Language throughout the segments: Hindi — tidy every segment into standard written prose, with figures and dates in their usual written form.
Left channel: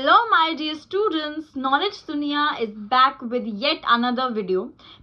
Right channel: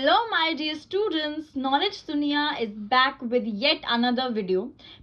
Hello my dear students, Knowledge Dunia is back with yet another video.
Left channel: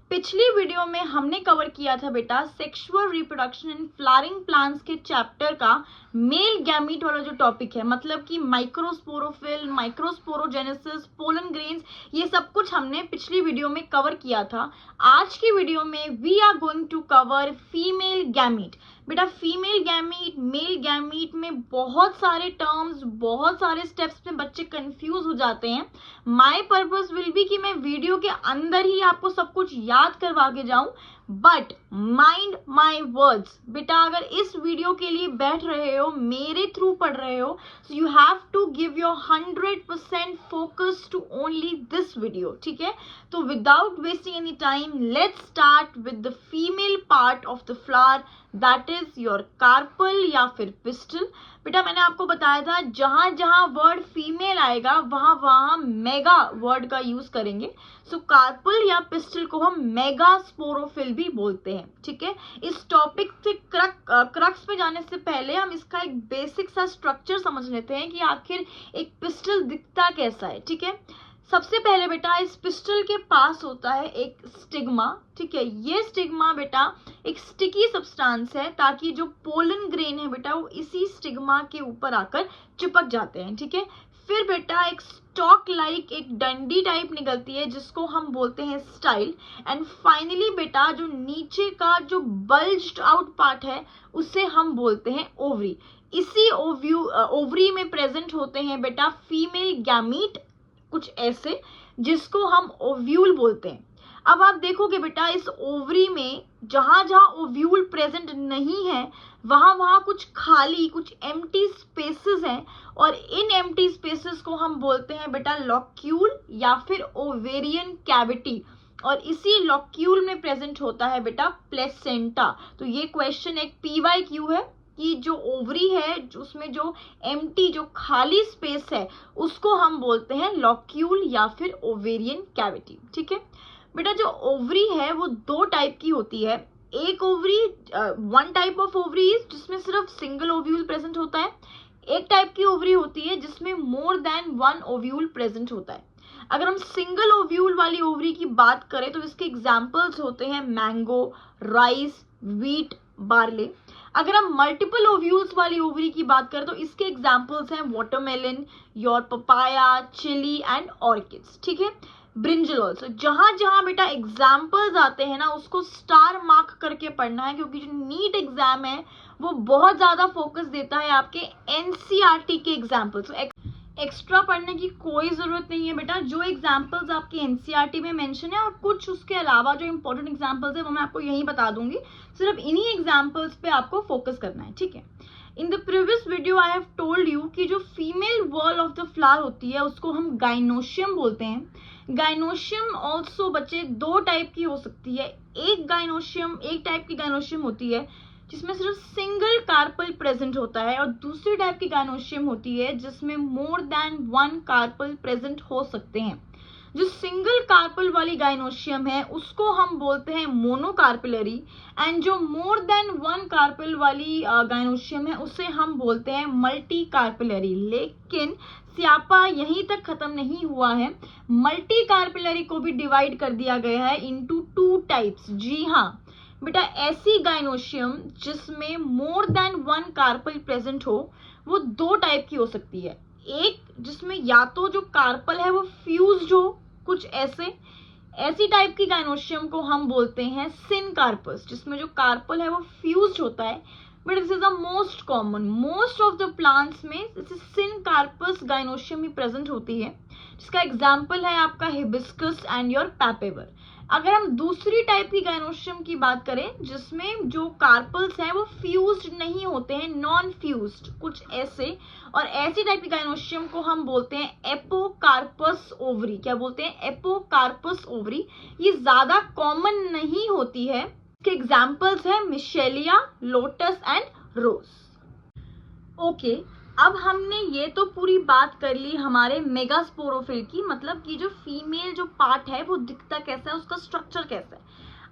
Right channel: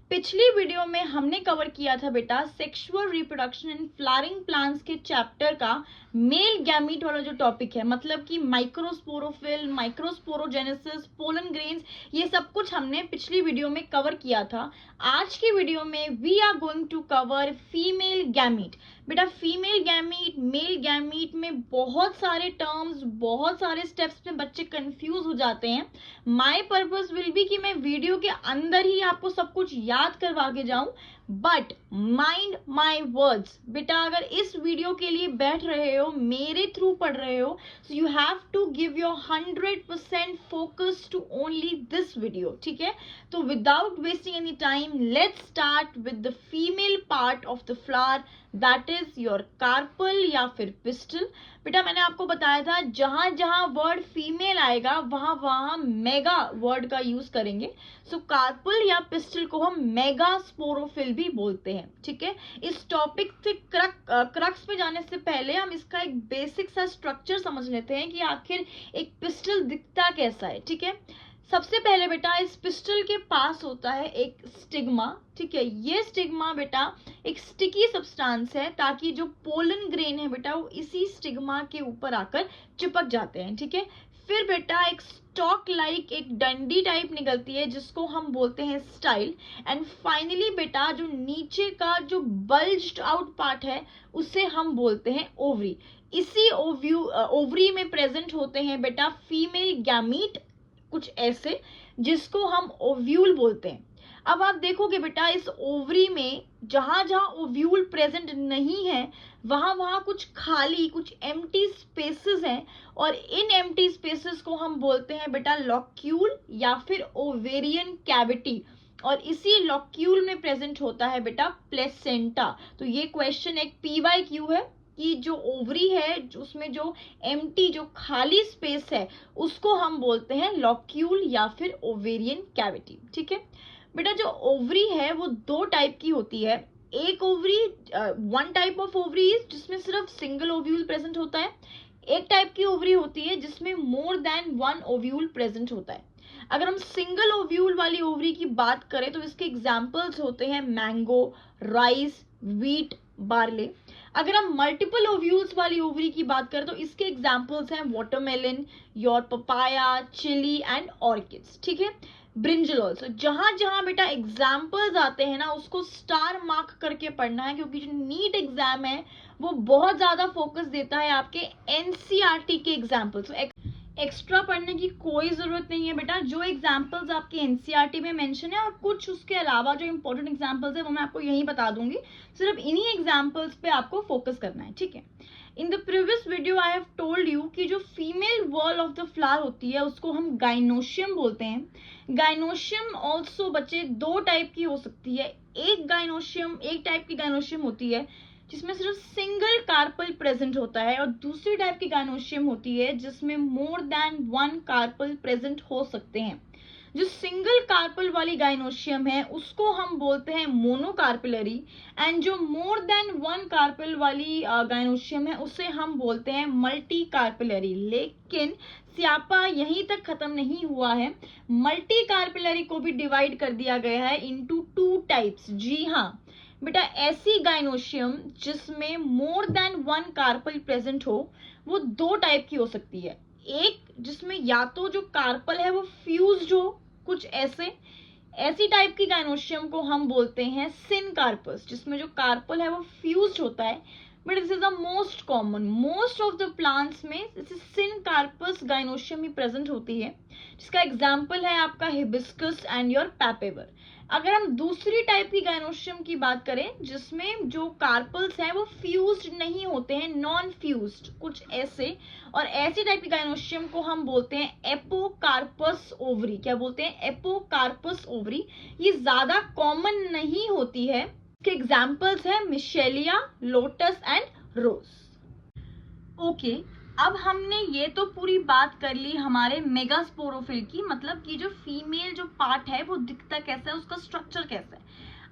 पिछली वीडियो में हमने कवर किया था बेटा sexual reproduction in flowering plants के चैप्टर का मेल गैमीट वाला जो टॉपिक है, मतलब कि माइक्रोस्पोरोफिल, माइक्रोस्पोरोजेनेसिस, पोलन ग्रेन्स, ये सब कुछ हमने पिछली वीडियो में कवर किया था। आज की वीडियो में we are going to cover female gamete. बेटा फीमेल गैमीट, मेल गैमीट में बहुत सारे टर्म्स, बहुत सारे स्टेप्स में बच्चे कंफ्यूज हो जाते हैं। माय पर्पस विल बी कि मैं वीडियो के अंदर ही आपको सब कुछ याद करवा के जाऊं, बट माइंड माई वर्ड्स। बेटा अगर इस वीडियो के लिए बैठ रहे हो, मेरे थ्रू पढ़ रहे हो, so you have to give your 100% focus to only this video, ठीक है। तो without wasting any time let's start with the female part of the flower, that is your carpel या फिर पिस्टल। बेटा मैंने आपको बताया था जहां जहां वर्ड फीमेल आएगा वहां वहां मेगा वर्ड का यूज करेंगे। सो कार्पल या पिस्टल को हम मेगा स्पोरोफिल भी बोलते हैं, ठीक है। इस टॉपिक से क्रक्स पे जाने से पहले हम इसका एक बेसिक सा स्ट्रक्चर समझ लेते हैं कि आखिर एक पिस्टल दिखता कैसा है, ठीक है। सबसे पहले बेटा इस पिस्टल के पास होता है एक स्टिग्मा, ठीक है। ये स्टिग्मा बेटा एक स्टिकी सब्सटेंस है ताकि जो पोलन ग्रेन है बेटा वो इसी स्टिग्मा के ऊपर आकर चिपक जाते हैं, ठीक है। फिर बेटा एक स्टॉक लाइक एक डंडी टाइप निकलती है जिसको हम बोलते हैं स्टाइल। एंड फाइनली बेटा जो नीचे का जो बल्ज्ड आउट पार्ट है उसे हम बोलते हैं ओवरी। इसी ओवरी में प्रेजेंट होते हैं बेटा फीमेल गैमीट, कुछ ऐसे, जिसको हम ओव्यूल बोलते हैं। अब आप देखोगे बेटा इस ओवरी में जहां जहां ओव्यूल प्रेजेंट नहीं है वहां वहां कुछ खाली, कुछ एम्प्टी स्पेसेस हैं, और इन एम्प्टी स्पेसेस को हम बोलते हैं बेटा लॉक्यूल या फिर ओवेरियन कैविटी। और इसी लॉक्यूल में प्रेजेंट होता है बेटा प्लेसेंटा। तो ये क्वेश्चन एक PYQ है कि जो ओवरी है उसमें जो एम्प्टी, जो खाली स्पेस है उसको हम बोलते हैं लॉक्यूल या फिर ओवेरियन कैविटी, ठीक है। बेटा जो ओवरी है वो दो टाइप की होती है। एक ovary, one type of ovary जिसमें सिर्फ सिंगल ओव्यूल प्रेजेंट होता है। एक टाइप की ओवरी होती है जिसमें more than one ovule present होता है। अगर हम सिंगल ओव्यूल वाली ओवरी की बात करें तो इसके एग्जाम्पल्स होते हैं मैंगो, राइस, व्हीट, बार्ले। अगर हम मल्टीपल ओव्यूल्स वाली ओवरी की बात करें तो इसके एग्जाम्पल्स हैं watermelon, your papaya, chilli and orchids, ठीक है। Brinjal also. जहां जहां बेटा एग्जाम्पल्स आते हैं ना उसको स्टार मार्क करके पढ़ना है, क्योंकि जो नीट एग्जाम है वो बहुत ज्यादा फोकस देता है आपके NCERT के एग्जाम्पल्स। एक्स्ट्रा पढ़ने की कोई जरूरत नहीं है बेटा। जो एग्जाम्पल्स आपके NCERT में मेंशन है और कुछ उसके अलावा जो इंपॉर्टेंट एग्जाम्पल्स है वो मैं आपको यहीं बता दूंगी। सिर्फ इन्हीं एग्जाम्पल्स पे आपको फोकस करना है, ठीक है। In the previous video I have told you कि जो female wall of the flower होती है उसको हम गाइनोशियम बोलते हैं। गाइनोशियम ऑल्सो बच्चे दो टाइप की हो सकती है। एक टाइप की गाइनोशियम होती है जिसमें सिर्फ सिंगल कार्पल प्रेजेंट होता है, और दूसरी टाइप की गाइनोशियम होती है जिसमें more than one carpel present हो सकते हैं। जो सिंगल कार्पल वाली गाइनोशियम है उसको हम बोलते हैं मोनोकार्पिलरी, एंड जो मोर देन वन कार्पल वाली गाइनोशियम है उसे हम बोलते हैं मल्टी कार्पिलरी। लेकिन स्यापा यहीं तक खत्म नहीं हुआ है, मल्टी कार्पिलरी को भी डिवाइड कर दिया गया है इनटू टू टाइप्स। जी हाँ बेटा, ऐसी गाइनोशियम जिसमें more than one carpel present हो वो दो टाइप की हो सकती है। एक जिसमें या तो जो कार्पल है वो फ्यूज्ड हो, कुछ ऐसी टाइप की गाइनोशियम को हम बोलते हैं सिनकार्पस, जिसमें जो कार्पल है वो फ्यूज्ड होता है। But this is the most common, most of the plants में सिनकार्पस गाइनोशियम ही प्रेजेंट होती है, जिसका एग्जाम्पल है आपका हिबिस्कस एंड योर पैपेवर। अगर हम दूसरी टाइप की गाइनोशियम की बात करें जिसमें जो कार्पल्स हैं वो फ्यूज्ड नहीं होते हैं, नॉन फ्यूज्ड, कुछ ऐसे, और ऐसी टाइप की गाइनोशियम को हम बोलते हैं एपोकार्पस ओवरी। क्या बोलते हैं? Apocarpous ovary. ये ज्यादा कॉमन नहीं होती है। इसके एग्जाम्पल्स है मिशेलिया, लोटस एंड रोज। ओके, अब हमने ये तो पूरी बात कर ली हमारे मेगास्पोरोफिल की, मतलब कि जो फीमेल जो पार्ट है वो दिखता कैसा है, उसका स्ट्रक्चर कैसा है।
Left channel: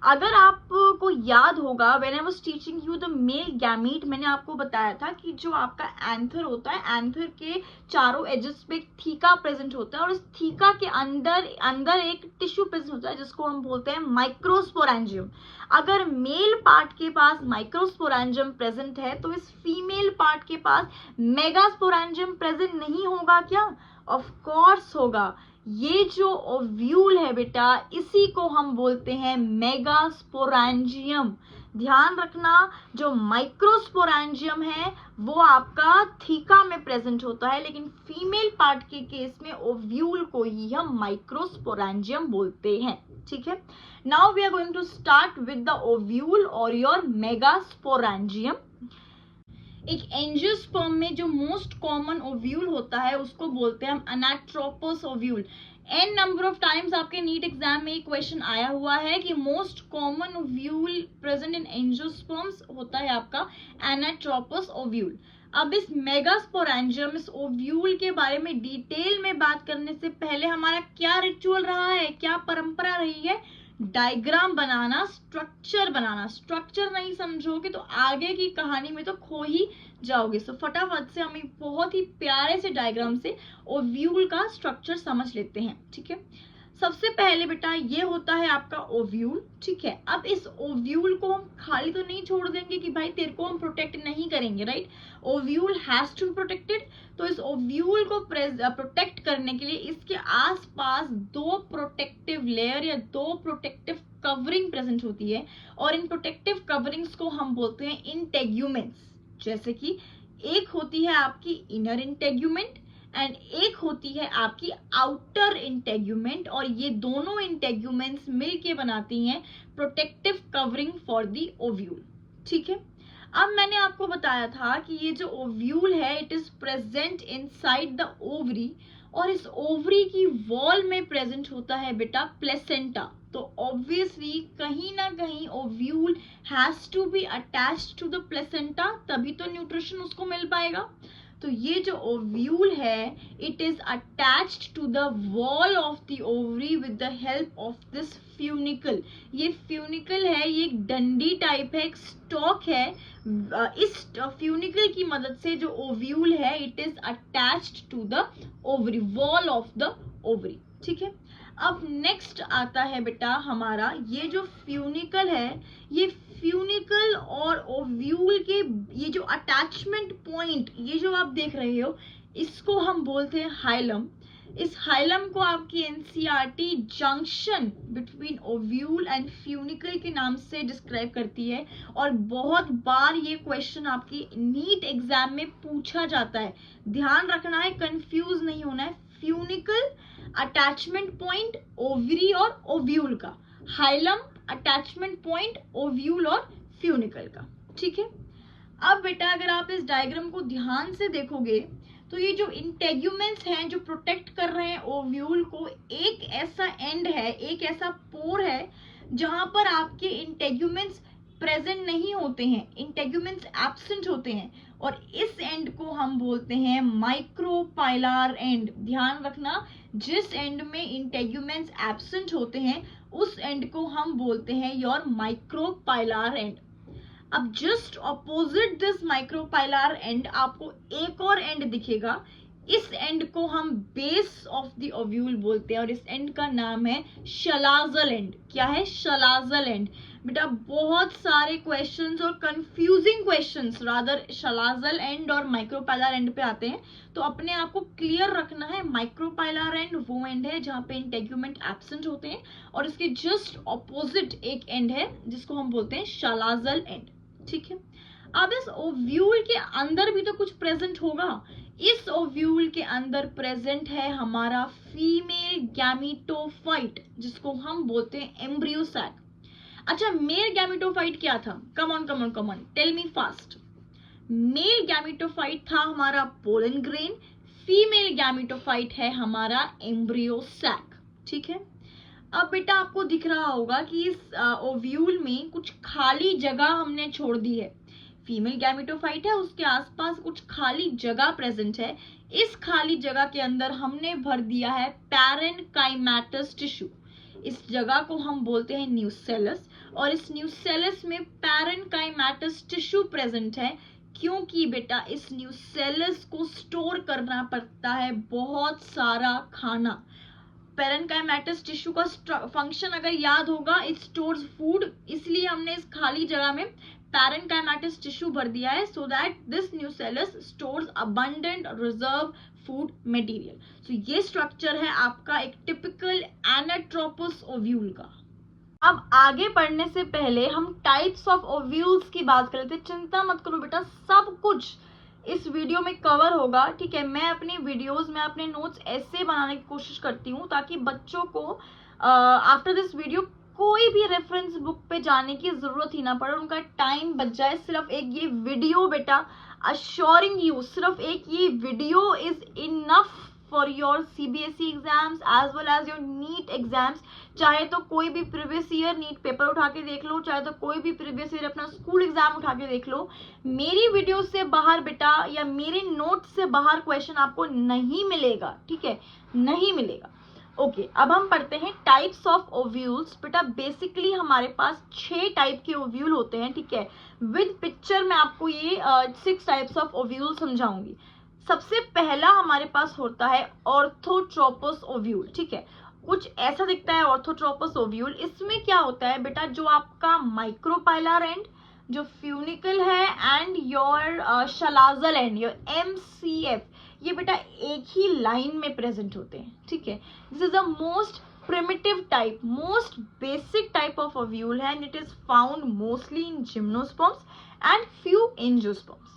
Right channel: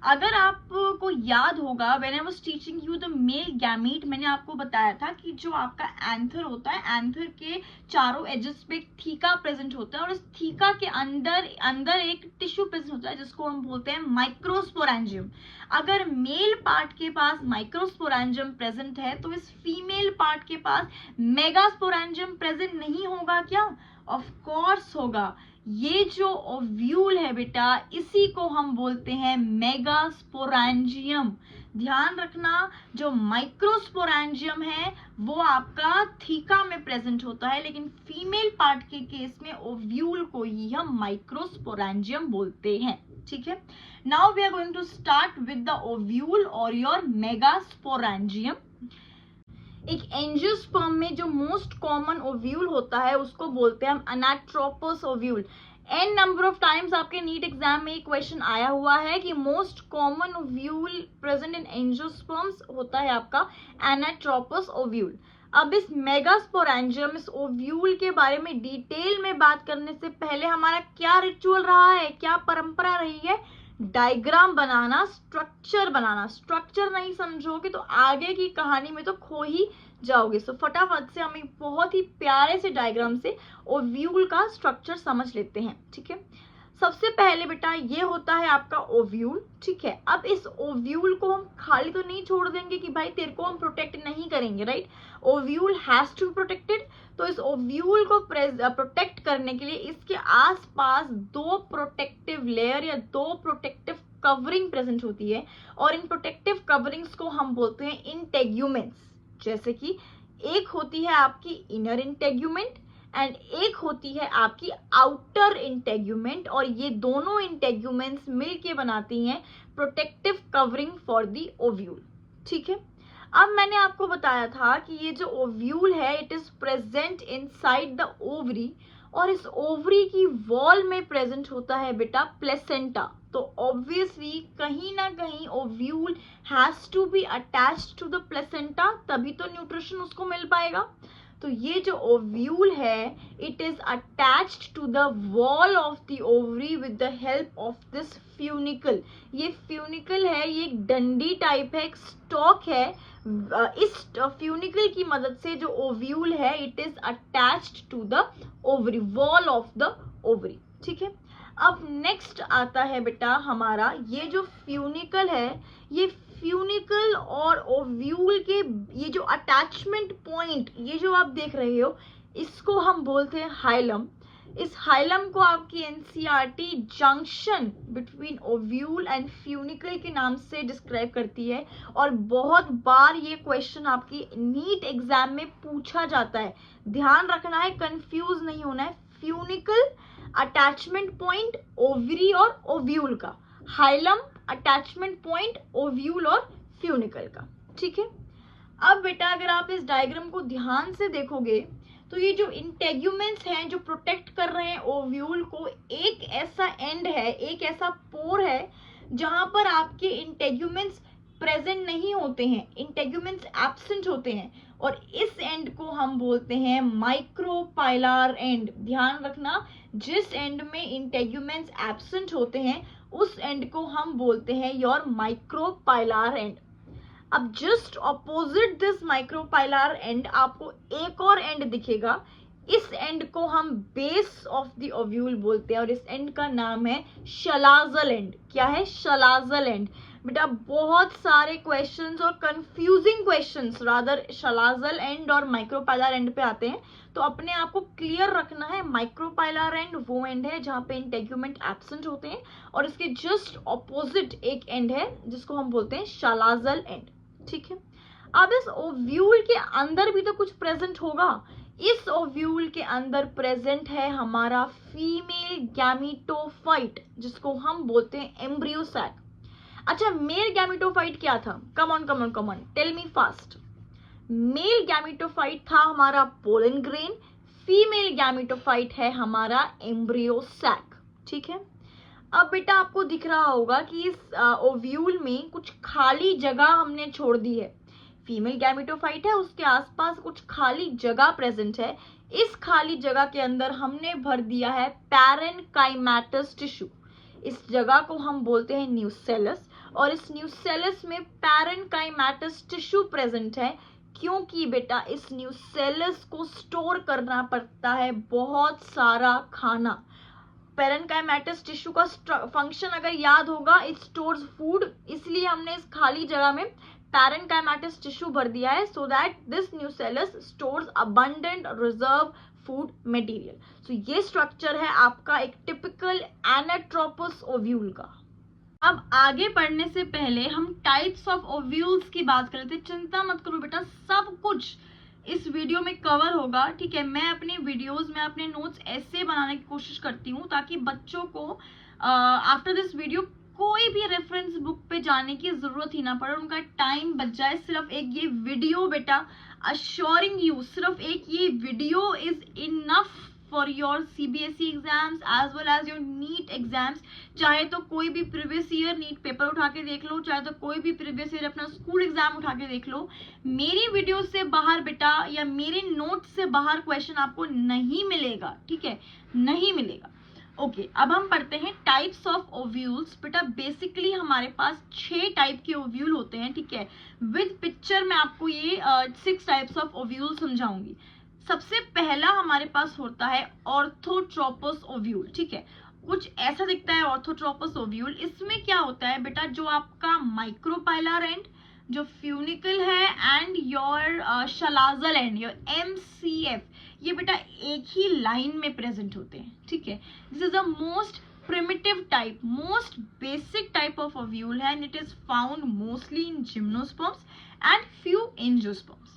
अगर आपको याद होगा, when I was teaching you the male gamete, मैंने आपको बताया था कि जो आपका एंथर होता है, एंथर के चारों एजेस पे एक थीका प्रेजेंट होता है और इस थीका के अंदर एक टिश्यू प्रेजेंट होता है जिसको हम बोलते हैं माइक्रोस्पोरेंजियम। अगर मेल पार्ट के पास माइक्रोस्पोरेंजियम प्रेजेंट है तो इस फीमेल पार्ट के पास मेगास्पोरेंजियम प्रेजेंट नहीं होगा क्या? ऑफ कोर्स होगा। ये जो ओव्यूल है बेटा, इसी को हम बोलते हैं मेगास्पोरेंजियम। ध्यान रखना, जो माइक्रोस्पोरेंजियम है वो आपका थीका में प्रेजेंट होता है, लेकिन फीमेल पार्ट के केस में ओव्यूल को ही हम माइक्रोस्पोरेंजियम बोलते हैं। ठीक है, now we are going to start with the ovule और योर मेगास्पोरेंजियम। एक एंजियोस्पर्म में जो मोस्ट कॉमन ओव्यूल होता है उसको बोलते हैं हम anatropous ovule. N number of times आपके नीट एग्जाम में क्वेश्चन आया हुआ है कि most common ovule present in angiosperms होता है आपका अनाट्रोपस ओव्यूल। अब इस मेगास्पोरेंजियम, इस ओव्यूल के बारे में डिटेल में बात करने से पहले हमारा क्या रिचुअल रहा है, क्या परंपरा रही है? डायग्राम बनाना, स्ट्रक्चर बनाना। स्ट्रक्चर नहीं समझोगे तो आगे की कहानी में तो खो ही जाओगे। सो फटाफट से हम एक बहुत ही प्यारे से डायग्राम से ओव्यूल का स्ट्रक्चर समझ लेते हैं। ठीक है, सबसे पहले बेटा ये होता है आपका ओव्यूल। ठीक है, अब इस ओव्यूल को हम खाली तो नहीं छोड़ देंगे कि भाई तेरे को हम प्रोटेक्ट नहीं करेंगे, right? Ovule has to be protected. तो इस ओव्यूल को प्रोटेक्ट करने के लिए इसके आसपास दो प्रोटेक्टिव लेयर या दो प्रोटेक्टिव कवरिंग प्रेजेंट होती है और इन प्रोटेक्टिव कवरिंग्स को हम बोलते हैं इंटेग्यूमेंट्स। जैसे कि एक होती है आपकी इनर इंटेग्यूमेंट एंड एक होती है आपकी आउटर इंटेग्यूमेंट, और ये दोनों इंटेग्यूमेंट्स मिलके बनाती हैं protective covering for the ovule. ठीक है, अब मैंने आपको बताया था कि ये जो ओव्यूल है it is present inside the ovary, और इस ओवरी की वॉल में प्रेजेंट होता है बेटा प्लेसेंटा। तो ऑब्वियसली कहीं ना कहीं ovule has to be attached to the placenta, तभी तो न्यूट्रिशन उसको मिल पाएगा। तो ये जो ओव्यूल है it is attached to the wall of the ovary with the help of this funicle. ये फ्यूनिकल है, ये एक डंडी टाइप है, एक स्टॉक है। इस फ्यूनिकल की मदद से जो ओव्यूल है it is attached to the ovary, wall of the ovary. ठीक है, अब नेक्स्ट आता है बेटा हमारा ये जो फ्यूनिकल है, ये फ्यूनिकल और ओव्यूल के ये जो अटैचमेंट पॉइंट, ये जो आप देख रहे हो, इसको हम बोलते हैं हाइलम। इस हाइलम को आपकी NCERT junction between ovule and funicle के नाम से डिस्क्राइब करती है, और बहुत बार ये क्वेश्चन आपकी नीट एग्जाम में पूछा जाता है। ध्यान रखना है, कंफ्यूज नहीं होना है। फ्यूनिकल अटैचमेंट पॉइंट ओवरी और ओव्यूल का, हाइलम अटैचमेंट पॉइंट ओव्यूल और फ्यूनिकल का। ठीक है, अब बेटा अगर आप इस डायग्राम को ध्यान से देखोगे तो ये जो इंटेग्यूमेंट्स हैं जो प्रोटेक्ट कर रहे हैं ओव्यूल को, एक ऐसा एंड है, एक ऐसा पोर है जहां पर आपके इंटेग्यूमेंट्स प्रेजेंट नहीं होते हैं, इंटेग्यूमेंट्स एब्सेंट होते हैं, और इस एंड को हम बोलते हैं माइक्रोपाइलर एंड। ध्यान रखना, जिस एंड में इंटेग्यूमेंट्स एब्सेंट होते हैं उस एंड को हम बोलते हैं योर माइक्रोपाइलर एंड। अब just opposite this micropylar and आपको एक और एंड दिखेगा, इस एंड को हम बेस ऑफ द ओव्यूल बोलते हैं और इस एंड का नाम है शलाजल एंड। क्या है? शलाजल एंड। बेटा बहुत सारे क्वेश्चंस और कंफ्यूजिंग क्वेश्चंस रादर शलाजल एंड और माइक्रोपाइलर एंड पे आते हैं, तो अपने आप को क्लियर रखना है। माइक्रोपाइलर एंड वो एंड है जहां पे इंटेग्यूमेंट एब्सेंट होते हैं, और इसके जस्ट ऑपोजिट एक एंड है जिसको हम बोलते हैं शलाजल एंड। ठीक है, अब इस ओव्यूल के अंदर भी तो कुछ प्रेजेंट होगा। इस ओव्यूल के अंदर प्रेजेंट है हमारा फीमेल गैमीटोफाइट जिसको हम बोलते हैं एम्ब्रियोसैक। अच्छा, मेल गैमीटोफाइट क्या था? Come on tell me fast. Male gametophyte था हमारा पोलन ग्रेन, फीमेल गैमीटोफाइट है हमारा एम्ब्रियोसैक। ठीक है, अब बेटा आपको दिख रहा होगा कि इस ओव्यूल में कुछ खाली जगह हमने छोड़ दी है। फीमेल गैमीटोफाइट है, उसके आसपास कुछ खाली जगह प्रेजेंट है। इस खाली जगह के अंदर हमने भर दिया है पैरेन्काइमेटस टिश्यू। इस जगह को हम बोलते हैं न्यूसेलस, और इस न्यूसेलस में पैरेन्काइमेटस टिश्यू प्रेजेंट है, क्योंकि बेटा इस न्यूसेलस को स्टोर करना पड़ता है बहुत सारा खाना। पैरेन्काइमेटस टिश्यू का फंक्शन अगर याद होगा, इट स्टोर्स फूड, इसलिए हमने इस खाली जगह में पैरेन्काइमेटस टिश्यू भर दिया है, so that this nucellus stores abundant reserve food material. So ये स्ट्रक्चर है आपका एक टिपिकल एनाट्रोपस ओव्यूल का। अब आगे बढ़ने से पहले हम टाइप्स ऑफ ओव्यूल्स की बात कर लेते हैं। चिंता मत करो बेटा, सब कुछ इस वीडियो में कवर होगा, ठीक है। मैं अपनी वीडियोस में अपने नोट्स ऐसे बनाने की कोशिश करती हूँ ताकि बच्चों को आफ्टर दिस वीडियो कोई भी रेफरेंस बुक पे जाने की जरूरत ही ना पड़े, उनका टाइम बच जाए। सिर्फ एक ये वीडियो बेटा, अश्योरिंग यू, सिर्फ एक ये video is enough for your CBSE exams as well as your NEET exams. चाहे तो कोई भी प्रीवियस ईयर नीट पेपर उठा के देख लो, चाहे तो कोई भी प्रीवियस ईयर अपना स्कूल एग्जाम उठा के देख लो, मेरी वीडियो से बाहर बेटा या मेरे नोट से बाहर क्वेश्चन आपको नहीं मिलेगा, ठीक है, नहीं मिलेगा। ओके, अब हम पढ़ते हैं टाइप्स ऑफ ओव्यूल्स। बेटा बेसिकली हमारे पास 6 टाइप के ओव्यूल होते हैं, ठीक है। विद पिक्चर में आपको ये 6 टाइप्स ऑफ ओव्यूल समझाऊंगी। सबसे पहला हमारे पास होता है ऑर्थोट्रोपस ओव्यूल, ठीक है। कुछ ऐसा दिखता है ऑर्थोट्रोपस ओव्यूल। इसमें क्या होता है बेटा, जो आपका माइक्रोपाइलर एंड, जो फ्यूनिकल है, and your शलाजल and, your MCF, ये बेटा एक ही लाइन में प्रेजेंट होते हैं, ठीक है। This is the most primitive type, most basic type of ovule है, and it is found mostly in gymnosperms and few angiosperms।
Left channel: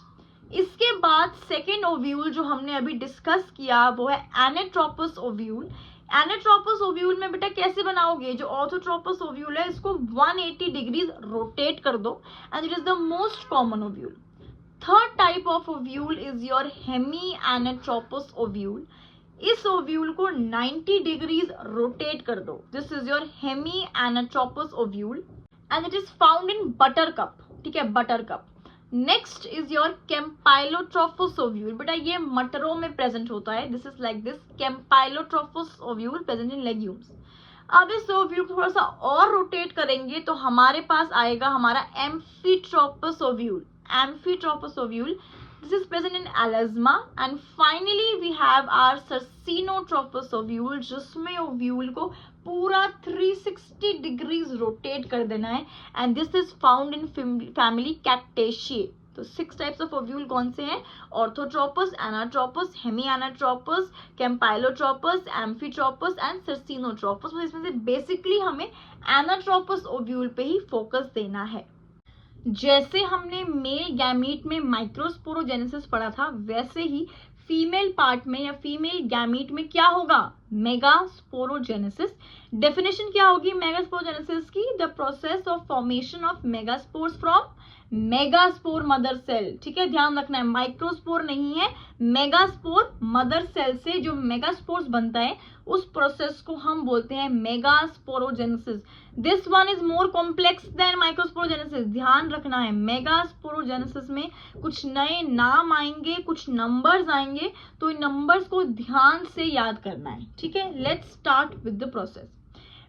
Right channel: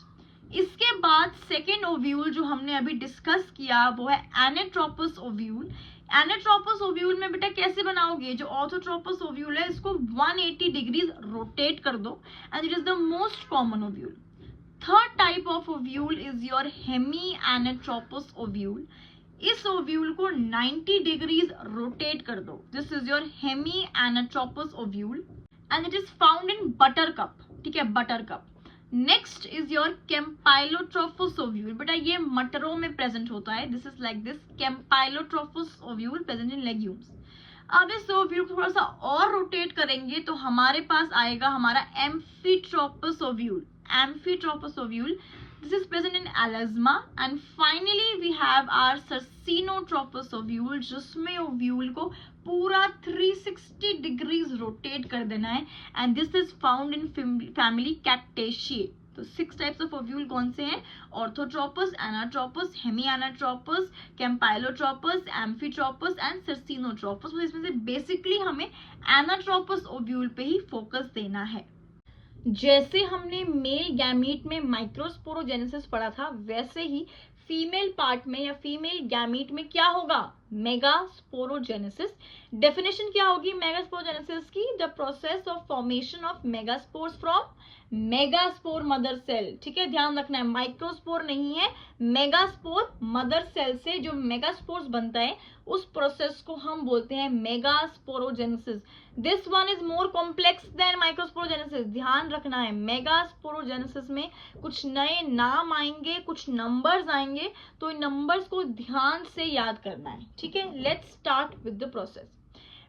इसके बाद सेकेंड ओव्यूल जो हमने अभी डिस्कस किया वो है एनाट्रोपस ओव्यूल। एनाट्रोपस ओव्यूल में बेटा कैसे बनाओगे, जो ऑर्थोट्रोपस ओव्यूल है इसको 180 डिग्रीज रोटेट कर दो, and it is the most common ovule. Third type of ovule is your hemi anatropous ovule. इस ओव्यूल को 90 डिग्रीज रोटेट कर दो, this is your hemi anatropous ovule, and it is found in buttercup, ठीक है, buttercup. Next is your campylotropous ovule. बेटा ये मटरों में प्रेजेंट होता है, this is like this campylotropous ovule present in legumes. अब इस ओव्यूल को थोड़ा सा और रोटेट करेंगे तो हमारे पास आएगा हमारा amphitropous ovule. Amphitropous ovule, this is present in alasma, and finally we have our circinotropous ovule, जिसमें ओव्यूल को पूरा 360 डिग्रीज रोटेट कर देना है, and this is found in family cactaceae. तो 6 टाइप्स ऑफ ओव्यूल कौन से हैं, orthotropous, anatropous, hemi anatropous, campylotropous, amphitropous and circinotropous. तो इसमें से बेसिकली हमें एनाट्रोपस ओव्यूल पे ही फोकस देना है। जैसे हमने मेल गैमीट में माइक्रोस्पोरोजेनेसिस पढ़ा था, वैसे ही फीमेल पार्ट में या फीमेल गैमीट में क्या होगा, मेगास्पोरोजेनेसिस। डेफिनेशन क्या होगी मेगास्पोरोजेनेसिस की, the process of formation of megaspores from megaspore mother cell, ठीक है, ध्यान रखना है, माइक्रोस्पोर नहीं है, मेगास्पोर मदर सेल से जो मेगास्पोर्स बनता है उस प्रोसेस को हम बोलते हैं megasporogenesis. This one is more complex than microsporogenesis. ध्यान रखना है, मेगास्पोरोजेनेसिस में कुछ नए नाम आएंगे, कुछ नंबर्स आएंगे, तो इन नंबर्स को ध्यान से याद करना है, ठीक है। Let's start with the process.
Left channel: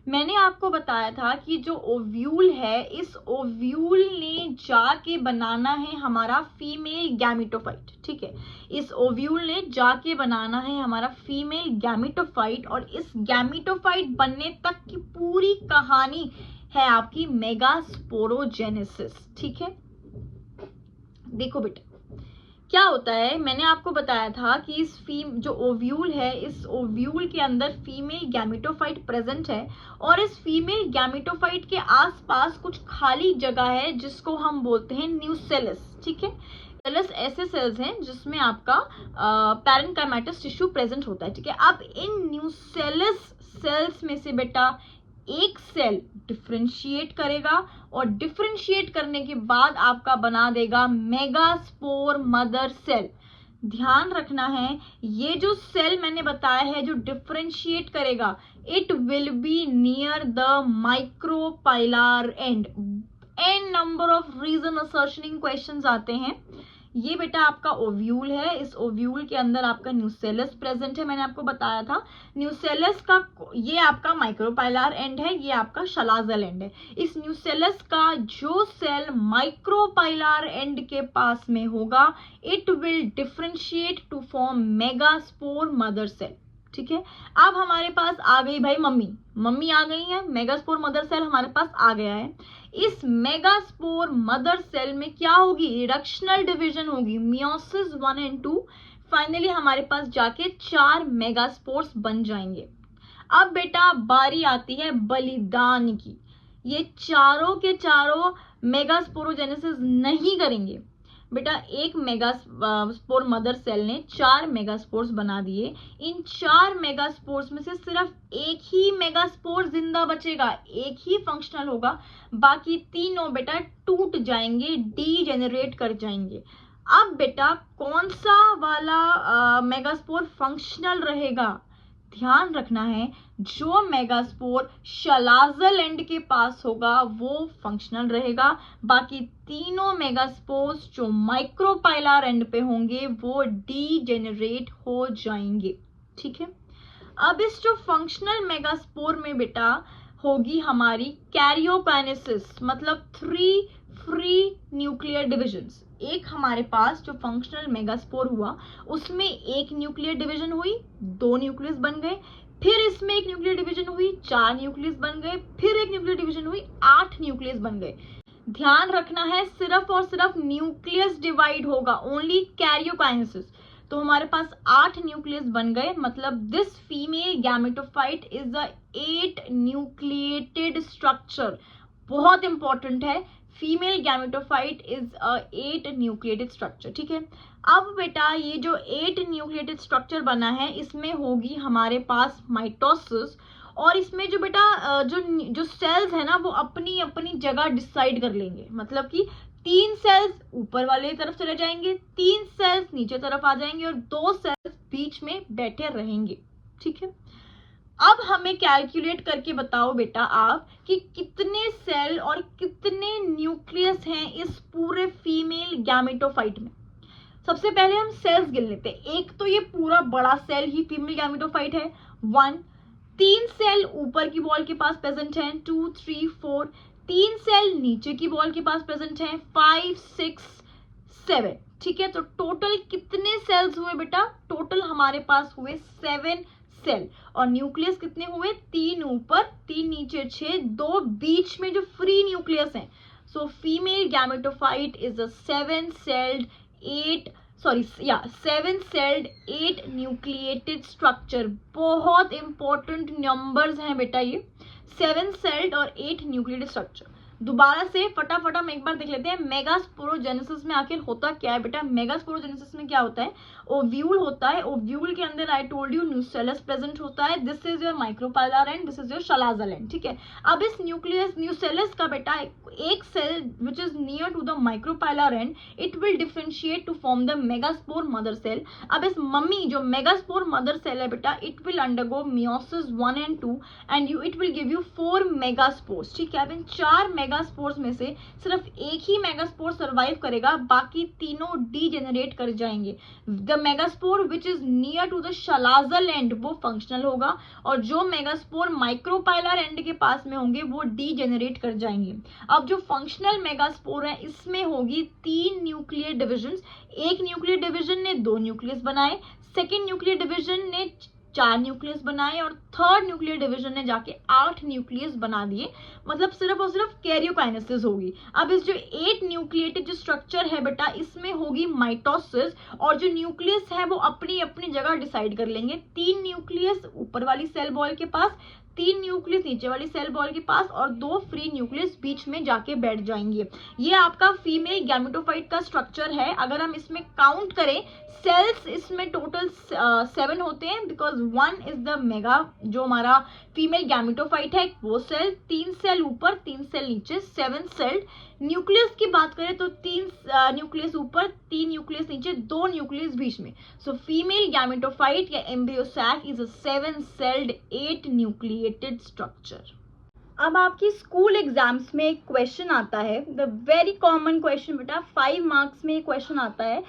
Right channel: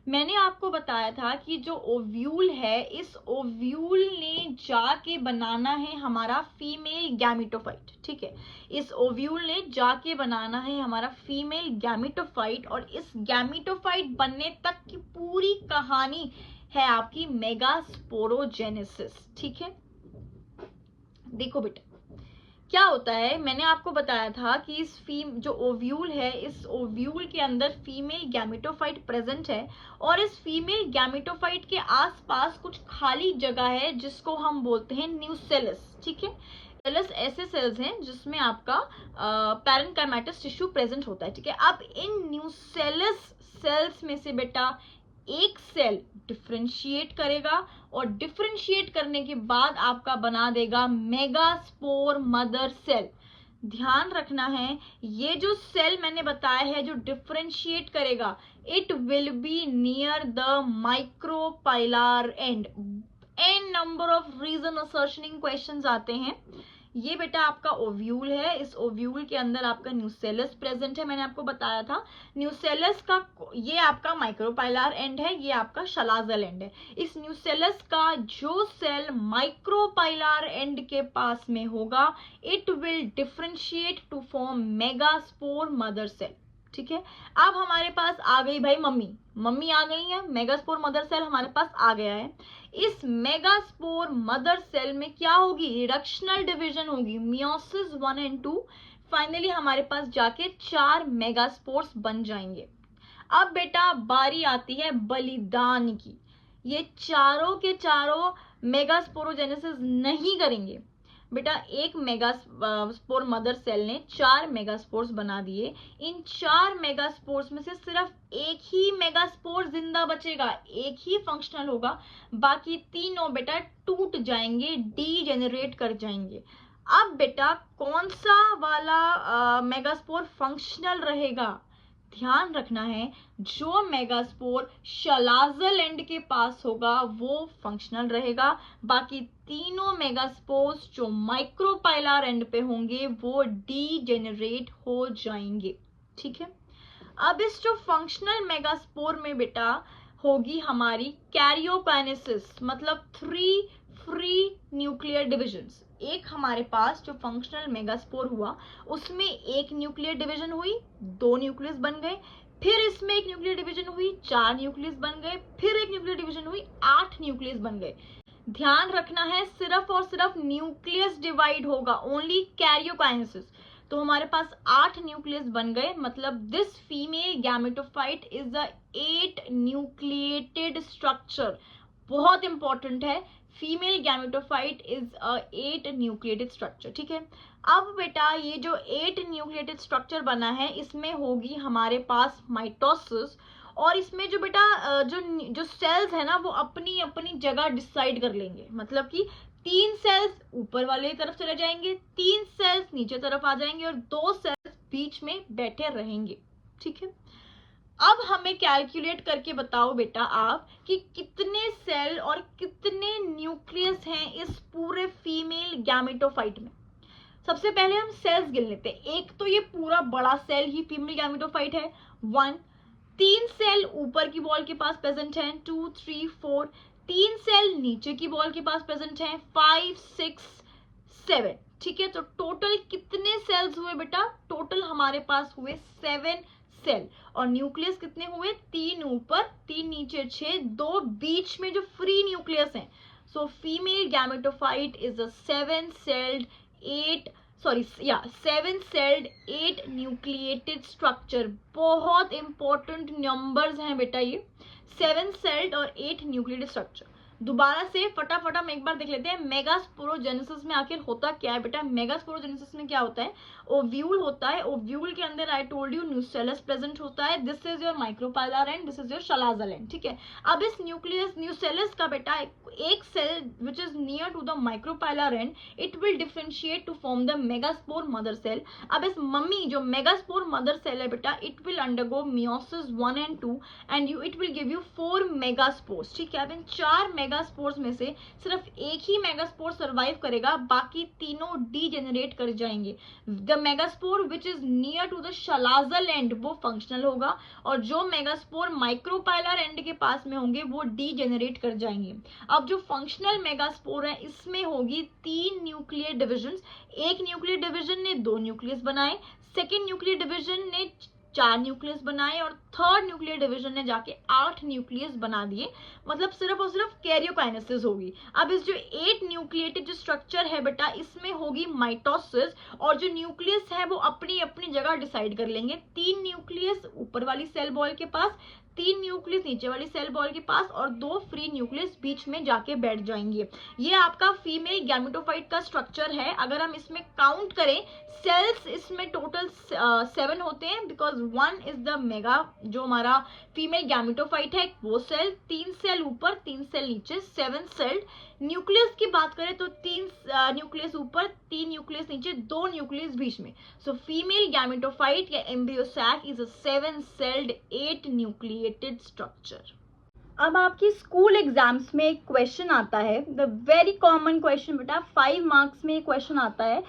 मैंने आपको बताया था कि जो ओव्यूल है, इस ओव्यूल ने जाके बनाना है हमारा फीमेल गैमेटोफाइट, ठीक है। इस ओव्यूल ने जाके बनाना है हमारा फीमेल गैमेटोफाइट, और इस गैमेटोफाइट बनने तक की पूरी कहानी है आपकी मेगास्पोरोजेनेसिस, ठीक है। देखो बेटा क्या होता है, मैंने आपको बताया था कि इस जो ओव्यूल है, इस ओव्यूल के अंदर फीमेल गैमेटोफाइट प्रेजेंट है, और इस फीमेल गैमेटोफाइट के आसपास कुछ खाली जगह है जिसको हम बोलते हैं न्यूसेलस, ठीक है। न्यूसेलस ऐसे सेल्स हैं जिसमें आपका पैरेन्काइमेटस टिश्यू प्रेजेंट होता है, ठीक है। अब इन न्यूसेलस सेल्स में से बेटा एक सेल डिफरेंशिएट करेगा, और डिफरेंशिएट करने के बाद आपका बना देगा मेगास्पोर मदर सेल। ध्यान रखना है, ये जो सेल मैंने बताया है जो डिफरेंशिएट करेगा, it will be near the micropylar end. N number of reason assertion questions आते हैं, ये बेटा आपका ओव्यूल है, इस ओव्यूल के अंदर आपका न्यूसेलस प्रेजेंट है, मैंने आपको बताया था। न्यूसेलस का ये आपका माइक्रोपाइलर एंड है, ये आपका शलाजल एंड है। इस न्यूसेलस का जो सेल माइक्रोपाइलर एंड के पास में होगा, it will differentiate to form megaspore mother cell. ठीक है, अब हमारे पास आ गई भाई मम्मी आ गई है, मेगास्पोर मदर सेल हमारे पास आ गया है। इस मेगास्पोर मदर सेल में क्या होगी, रिडक्शनल डिवीजन होगी, मियोसिस 1 एंड 2। फाइनली हमारे पास जाके 4 मेगास्पोर्स बन जाएंगे। अब बेटा बारी आती है बलिदान की। ये चारों के चारों मेगास्पोरोजेनेसिस नहीं करेंगे बेटा। एक मेगास्पोर मदर सेल ने 4 मेगास्पोर्स बना दिए। इन 4 मेगास्पोर्स में से सिर्फ एक ही मेगास्पोर जिंदा बचेगा, एक ही फंक्शनल होगा, बाकी तीनों बेटा टूट जाएंगे, डीजेनरेट कर जाएंगे। अब बेटा कौन सा वाला मेगास्पोर फंक्शनल रहेगा, ध्यान रखना है, जो मेगास्पोर शलाजल एंड के पास होगा वो फंक्शनल रहेगा, बाकी तीनों मेगास्पोर्स जो माइक्रोपाइलर एंड पे होंगे वो डीजेनरेट हो जाएंगे। ठीक है, अब इस जो फंक्शनल मेगास्पोर में बेटा होगी हमारी कैरियोकाइनेसिस, मतलब 3 फ्री न्यूक्लियर डिविजन्स। एक हमारे पास जो फंक्शनल मेगास्पोर हुआ उसमें एक न्यूक्लियर डिवीजन हुई, 2 न्यूक्लियस बन गए, फिर इसमें एक न्यूक्लियर डिवीजन हुई, 4 न्यूक्लियस बन गए, फिर एक न्यूक्लियर डिवीजन हुई, 8 न्यूक्लियस बन गए। ध्यान रखना है, सिर्फ और सिर्फ न्यूक्लियस डिवाइड होगा, ओनली कैरियोकाइनेसिस। तो हमारे पास 8 न्यूक्लियस बन गए, मतलब this female gametophyte is the 8 nucleated structure. बहुत इंपॉर्टेंट है, female gametophyte is a 8 nucleated structure. ठीक है, अब बेटा ये जो 8 न्यूक्लिएटेड स्ट्रक्चर बना है इसमें होगी हमारे पास माइटोसिस, और इसमें जो बेटा जो सेल्स है ना वो अपनी अपनी जगह डिसाइड कर लेंगे, मतलब कि 3 सेल्स ऊपर वाले तरफ चले जाएंगे, 3 सेल्स नीचे तरफ आ जाएंगे और 2 सेल्स बीच में बैठे रहेंगे। ठीक है, अब हमें कैलकुलेट करके बताओ बेटा आप कि कितने सेल और कितने न्यूक्लियस हैं इस पूरे फीमेल गैमेटोफाइट में। सबसे पहले हम सेल्स गिन लेते हैं। एक तो ये पूरा बड़ा सेल ही फीमेल गैमेटोफाइट है, 1। 3 सेल ऊपर की वॉल के पास प्रेजेंट हैं, 2, 3, 4। 3 सेल नीचे की वॉल के पास प्रेजेंट हैं, 5, 6, 7। ठीक है, तो टोटल कितने सेल्स हुए बेटा, टोटल हमारे पास हुए 7 सेल। और न्यूक्लियस कितने हुए, 3 ऊपर 3 नीचे 6, 2 बीच में जो फ्री न्यूक्लियस हैं। सो female gametophyte is a 7 celled 8 nucleated structure. बहुत इंपॉर्टेंट नंबर्स हैं बेटा ये, 7 सेल्ड और 8 न्यूक्लिएटेड स्ट्रक्चर। दोबारा से फटाफट हम एक बार देख लेते हैं मेगास्पोरोजेनेसिस में आखिर होता क्या है बेटा। मेगास्पोरोजेनेसिस में क्या होता है, ओव्यूल होता है, ओव्यूल के अंदर I told you nucellus present होता है, this is your micropylar and this is your शलाजल and. ठीक है, अब इस न्यूसेलस का बेटा एक cell which is near to the micropylar and, it will differentiate to form the megaspore mother cell. अब इस मम्मी जो मेगास्पोर मदर सेल है बेटा, it will undergo meiosis 1 and 2 and it will give you 4 megaspores. ठीक है, अब इन 4 मेगास्पोर्स में से सिर्फ एक ही मेगास्पोर सर्वाइव करेगा, बाकी तीनों डीजेनरेट कर जाएंगे। The megaspore which is near to the chalazal end वो फंक्शनल होगा, और जो मेगास्पोर माइक्रोपाइलर एंड के पास में होंगे वो डीजेनरेट कर जाएंगे। अब जो फंक्शनल मेगास्पोर है इसमें होगी 3 न्यूक्लियर डिविजन्स। एक न्यूक्लियर डिविजन ने 2 न्यूक्लियस बनाए, सेकेंड न्यूक्लियर डिविजन ने 4 न्यूक्लियस बनाए, और थर्ड न्यूक्लियर डिवीजन ने जाके 8 न्यूक्लियस बना दिए, मतलब सिर्फ और सिर्फ कैरियोकाइनेसिस होगी। अब इस जो 8 न्यूक्लिएटेड जो स्ट्रक्चर है बेटा, इसमें होगी माइटोसिस, और जो न्यूक्लियस है वो अपनी अपनी जगह डिसाइड कर लेंगे। 3 न्यूक्लियस ऊपर वाली सेल वॉल के पास, 3 न्यूक्लियस नीचे वाली सेल वॉल के पास, और 2 फ्री न्यूक्लियस बीच में जाके बैठ जाएंगे। ये आपका फीमेल गैमेटोफाइट का स्ट्रक्चर है। अगर हम इसमें काउंट करें सेल्स, इसमें टोटल 7 होते हैं, बिकॉज 1 इज द मेगा जो हमारा फीमेल गैमेटोफाइट है वो सेल, 3 सेल ऊपर 3 सेल नीचे, 7 सेल। न्यूक्लियस की बात करें तो 3 न्यूक्लियस ऊपर 3 न्यूक्लियस नीचे, 2 न्यूक्लियस बीच में। सो फीमेल गैमेटोफाइट या embryo sac is a 7 celled 8 nucleated structure. अब आपकी स्कूल एग्जाम्स में एक क्वेश्चन आता है, द वेरी कॉमन क्वेश्चन बेटा, 5 मार्क्स में क्वेश्चन आता है,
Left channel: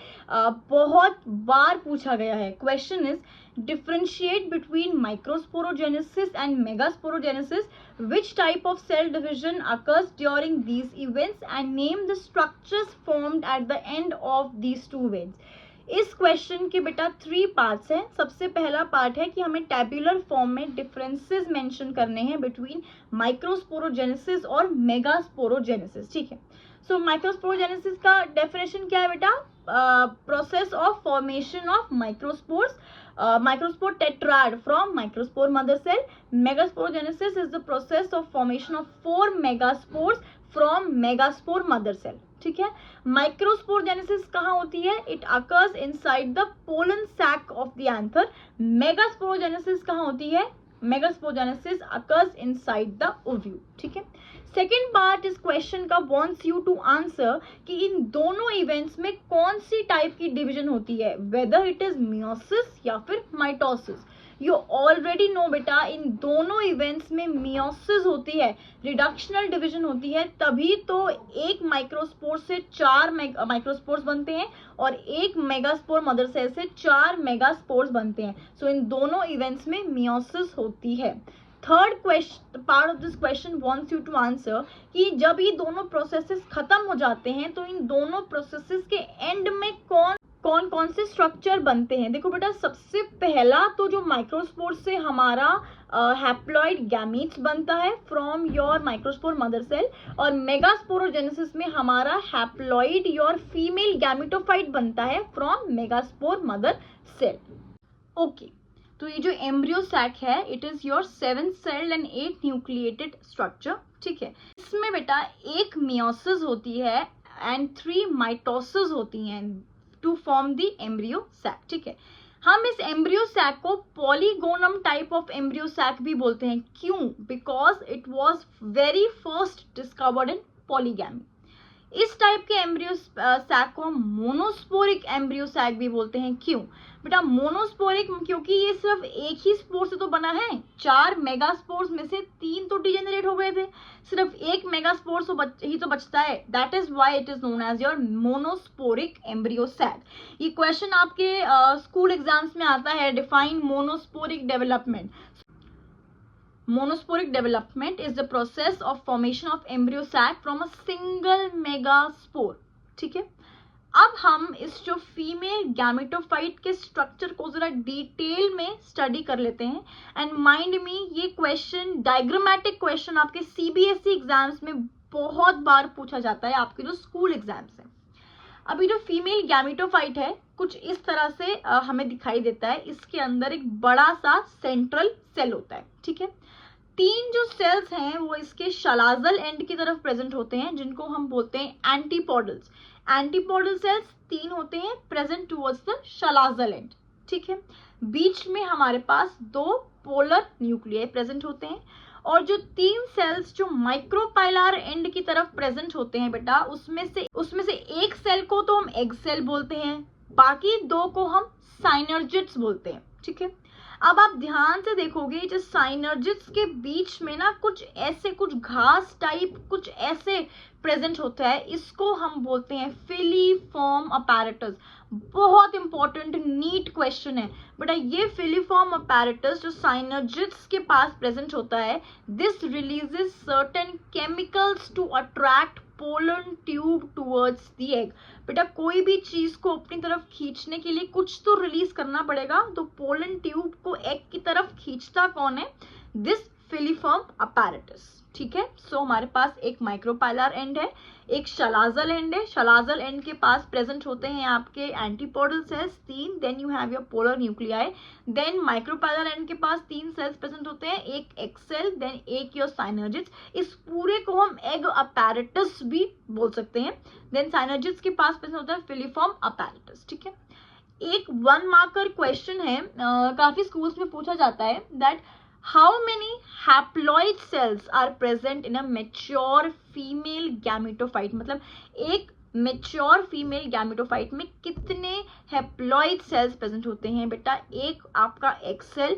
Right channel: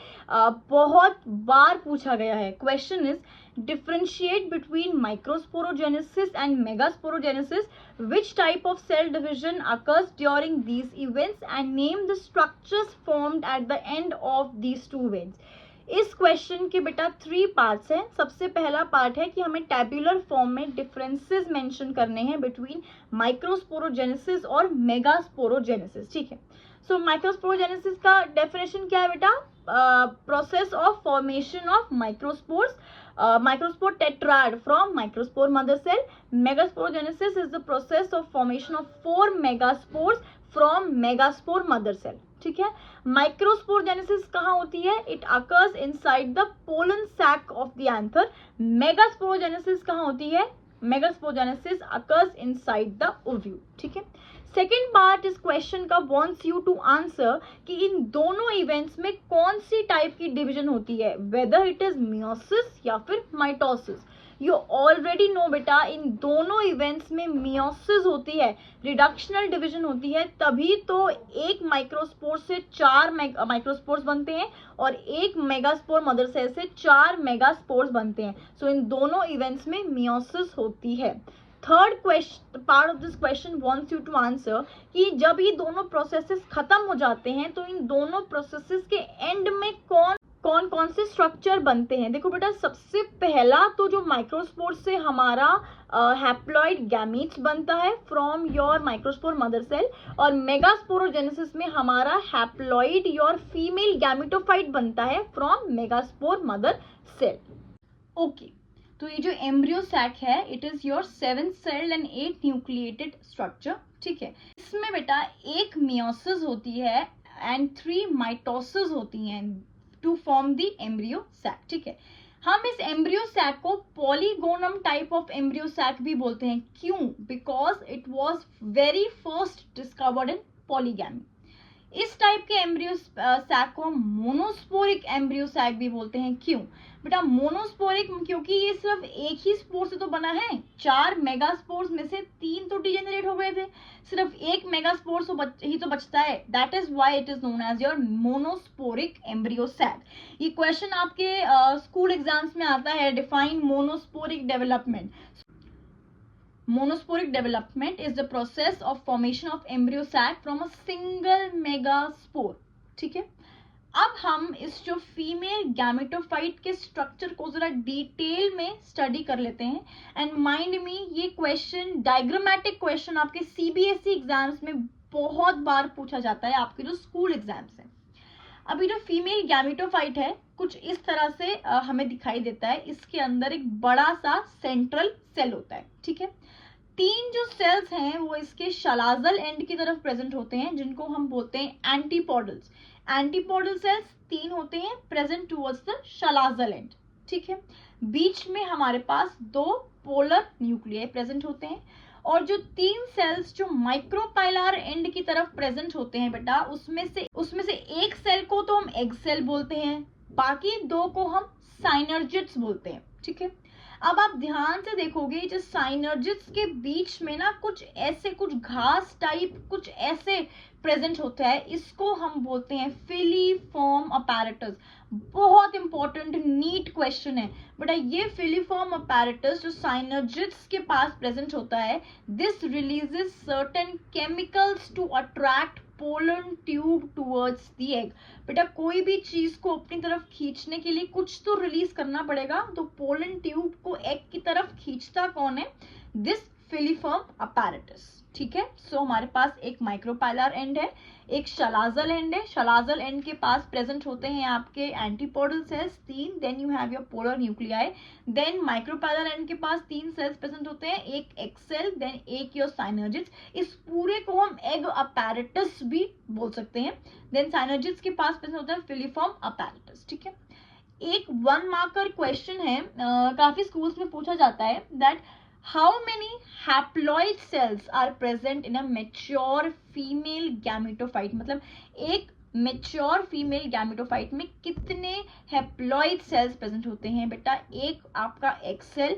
बहुत बार पूछा गया है. Question is differentiate between microsporogenesis and megasporogenesis. Which type of cell division occurs during these events and name the structures formed at the end of these two events. इस क्वेश्चन के बेटा 3 पार्ट्स हैं. सबसे पहला पार्ट है कि हमें टेबुलर फॉर्म में डिफरेंसेस मेंशन करने हैं बिटवीन माइक्रोस्पोरोजेनेसिस और मेगास्पोरोजेनेसिस. ठीक है. सो माइक्रोस्पोरोजेनेसिस का डेफिनेशन क्या है बेटा? Process of formation of microspores, microspore tetrad from microspore mother cell. Megasporogenesis is the process of formation of 4 megaspores from megaspore mother cell. ठीक है. माइक्रोस्पोरोजेनेसिस कहाँ होती है? It occurs inside the pollen sac of the anther. Megasporogenesis कहाँ होती है? Megasporogenesis occurs inside the ovule. ठीक है. सेकेंड पार्ट इस क्वेश्चन का वॉन्ट्स यू टू आंसर कि इन दोनों इवेंट्स में कौन सी टाइप की डिवीजन होती है, वेदर इट इज मियोसिस या फिर माइटोसिस. यू ऑलरेडी नो बेटा, इन दोनों इवेंट्स में मियोसिस होती है, रिडक्शनल डिवीजन होती है, तभी तो एक माइक्रोस्पोर से 4 माइक्रोस्पोर्स बनते हैं और एक मेगास्पोर मदर सेल से 4 मेगास्पोर्स बनते हैं. सो इन दोनों इवेंट्स में मियोसिस होती है. Third question part of this question wants you to answer कि जब ये दोनों प्रोसेसेस खत्म हो जाते हैं तो इन दोनों प्रोसेसेस के एंड में कौन से स्ट्रक्चर बनते हैं. देखो बेटा, सबसे पहला तो जो माइक्रोस्पोर से हमारा हैप्लॉइड गैमीट्स बनता है from your microspore mother cell, और मेगास्पोरोजेनेसिस में हमारा हैप्लॉइड योर फीमेल गैमिटोफाइट बनता है from megaspore mother cell. Okay. तो ये जो एम्ब्रियो सैक है, it is your 7 celled and 8 nucleated structure. ठीक है. इसमें बेटा एक मियोसिस होती है एंड 3 माइटोसिस होती हैं to form the embryo sac. ठीक है. हम इस एम्ब्रियो सैक को polygonum type of embryo sac भी बोलते हैं. क्यों? Because it was very first discovered in polygamy. इस टाइप के एम्ब्रियो सैक को मोनोस्पोरिक एम्ब्रियो सैक भी बोलते हैं. क्यों बेटा? मोनोस्पोरिक क्योंकि ये सिर्फ एक ही स्पोर से तो बना है. 4 मेगास्पोर्स में से 3 तो डिजेनरेट हो गए थे, सिर्फ एक मेगास्पोर ही तो बचता है. That is why it is known as your monosporic embryo sac. ये क्वेश्चन आपके स्कूल एग्जाम्स में आता है. Define monosporic development. Monosporic development is the process of formation of embryo sac from a single megaspore. ठीक है. अब हम इस जो फीमेल गैमेटोफाइट के स्ट्रक्चर को जरा डिटेल में स्टडी कर लेते हैं. एंड माइंड मी, ये क्वेश्चन डायग्रामेटिक क्वेश्चन आपके सीबीएसई एग्जाम्स में बहुत बार पूछा जाता है, आपके जो स्कूल एग्जाम्स है. अभी जो फीमेल गैमेटोफाइट है कुछ इस तरह से हमें दिखाई देता है. इसके अंदर एक बड़ा सा सेंट्रल सेल होता है. ठीक है. 3 जो सेल्स हैं वो इसके शलाजल एंड की तरफ प्रेजेंट होते हैं, जिनको हम बोलते हैं एंटीपोडल्स. एंटीपोडल सेल्स 3 होते हैं present towards the chalazal and. ठीक है. बीच में हमारे पास 2 पोलर न्यूक्लियाई प्रेजेंट होते हैं, और जो 3 सेल्स जो माइक्रोपाइलर एंड की तरफ प्रेजेंट होते हैं बेटा, उसमें से एक सेल को तो हम एग सेल बोलते हैं, बाकी 2 को हम साइनर्जिड्स बोलते हैं. ठीक है. अब आप ध्यान से देखोगे, जो साइनर्जिड्स के बीच में ना कुछ घास टाइप कुछ ऐसे प्रेजेंट होता है, इसको हम बोलते हैं फिलीफॉर्म अपैरेटस. बहुत इंपॉर्टेंट नीट क्वेश्चन है बेटा. ये फिलीफॉर्म अपैरेटस जो साइनर्जिड्स के पास प्रेजेंट होता है, this releases certain chemicals to attract pollen tube towards the egg. बेटा, कोई भी चीज को अपनी तरफ खींचने के लिए कुछ तो रिलीज करना पड़ेगा, तो पोलन ट्यूब को एग की तरफ खींचता कौन है? This filiform apparatus. ठीक है. सो हमारे पास एक माइक्रोपाइलर एंड है, एक शलाजल एंड है. शलाजल एंड के पास प्रेजेंट होते हैं आपके antipodal cells 3, then you have your polar nuclei. Then micropylar end के पास 3 सेल्स प्रेजेंट होते हैं, एक एग सेल, देन एक योर साइनर्जिड्स. इस पूरे को हम एग अपैरेटस भी बोल सकते हैं. देन साइनर्जिड्स के पास प्रेजेंट होता है फिलीफॉर्म अपैरेटस. ठीक है. एक 1 मार्कर क्वेश्चन है, काफी स्कूल्स में पूछा जाता है, that how many haploid cells are present in a mature female gametophyte. मतलब एक मेच्योर फीमेल गैमेटोफाइट में कितने हैप्लॉइड सेल्स प्रेजेंट होते हैं बेटा? एक आपका एग सेल,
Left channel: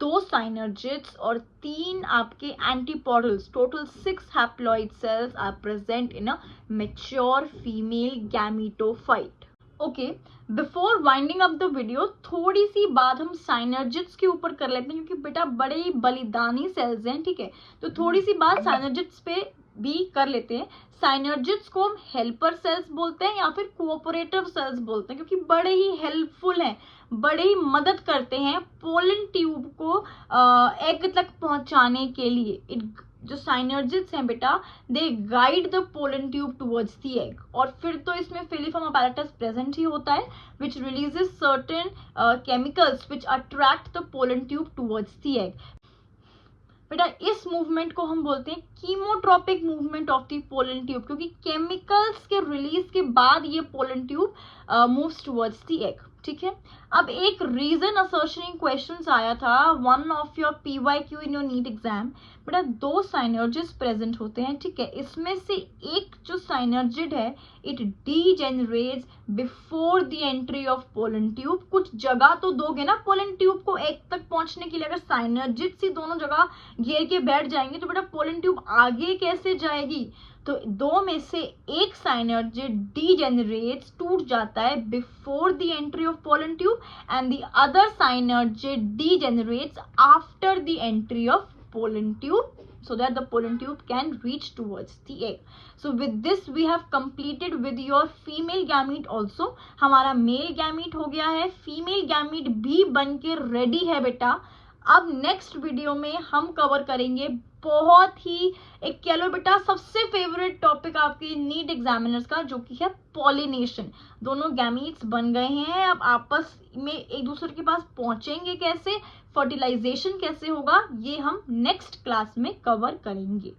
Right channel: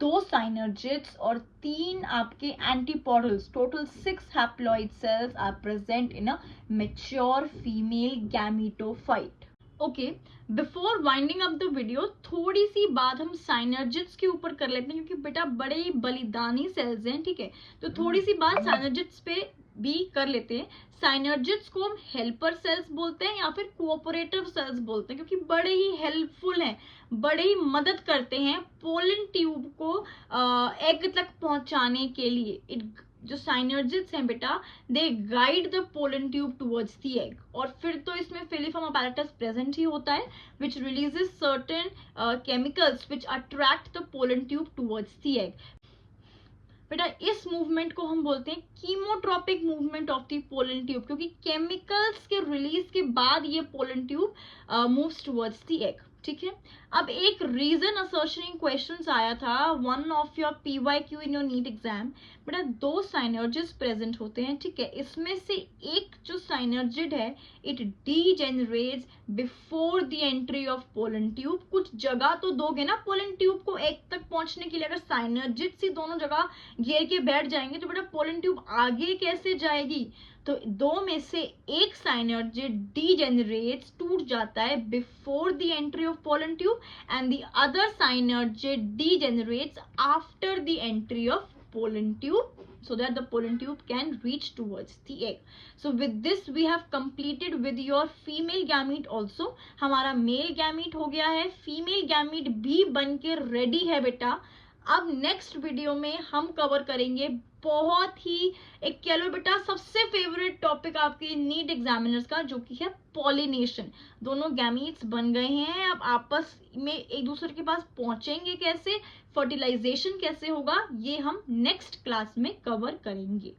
2 साइनर्जिड्स और 3 आपके antipodals, total 6 haploid cells are present in a mature female gametophyte. Okay, before winding up the video थोड़ी सी बात हम साइनर्जिड्स के ऊपर कर लेते हैं, क्योंकि बेटा बड़े ही बलिदानी सेल्स हैं, ठीक है? तो थोड़ी सी बात साइनर्जिड्स पे भी कर लेते हैं। साइनर्जिड्स को हम हेल्पर सेल्स बोलते हैं या फिर कोऑपरेटिव सेल्स बोलते हैं, क्योंकि बड़े ही हेल्पफुल हैं, बड़े ही मदद करते हैं पोलन ट्यूब को एग तक पहुंचाने के लिए। जो साइनर्जिड्स हैं बेटा, they guide the pollen tube towards the egg. और फिर तो इसमें फिलीफॉर्म अपैरेटस प्रेजेंट ही होता है, which releases certain chemicals which attract the pollen tube towards the egg. बेटा इस मूवमेंट को हम बोलते हैं chemotropic movement of the pollen tube, क्योंकि केमिकल्स के रिलीज के बाद ये pollen tube moves towards the egg, ठीक है? अब एक रीजन असर्शनिंग क्वेश्चन आया था, one of your PYQ in your NEET exam. बेटा 2 साइनर्जिड्स प्रेजेंट होते हैं, ठीक है? इसमें से एक जो साइनर्जिड है, it degenerates before the entry of pollen tube. कुछ जगह तो दोगे ना पोलन ट्यूब को एग तक पहुंचने के लिए। अगर साइनर्जिड्स ही दोनों जगह घेर के बैठ जाएंगे तो बेटा पोलन ट्यूब आगे कैसे जाएगी? तो 2 में से एक साइनर्जिड डीजेनरेट्स, टूट जाता है before the entry of pollen tube, and the other साइनर्जिड degenerates after the entry of pollen tube, so that the pollen tube can reach towards the egg. So with this we have completed with your female gamete also. हमारा मेल गैमीट हो गया है, फीमेल गैमीट भी बन के रेडी है बेटा। अब नेक्स्ट वीडियो में हम कवर करेंगे बहुत ही एक कह लो बेटा सबसे फेवरेट टॉपिक आपके नीट एग्जामिनर्स का, जो कि है पॉलिनेशन। दोनों गैमीट्स बन गए हैं, अब आपस में एक दूसरे के पास पहुंचेंगे कैसे, फर्टिलाइजेशन कैसे होगा, ये हम नेक्स्ट क्लास में कवर करेंगे।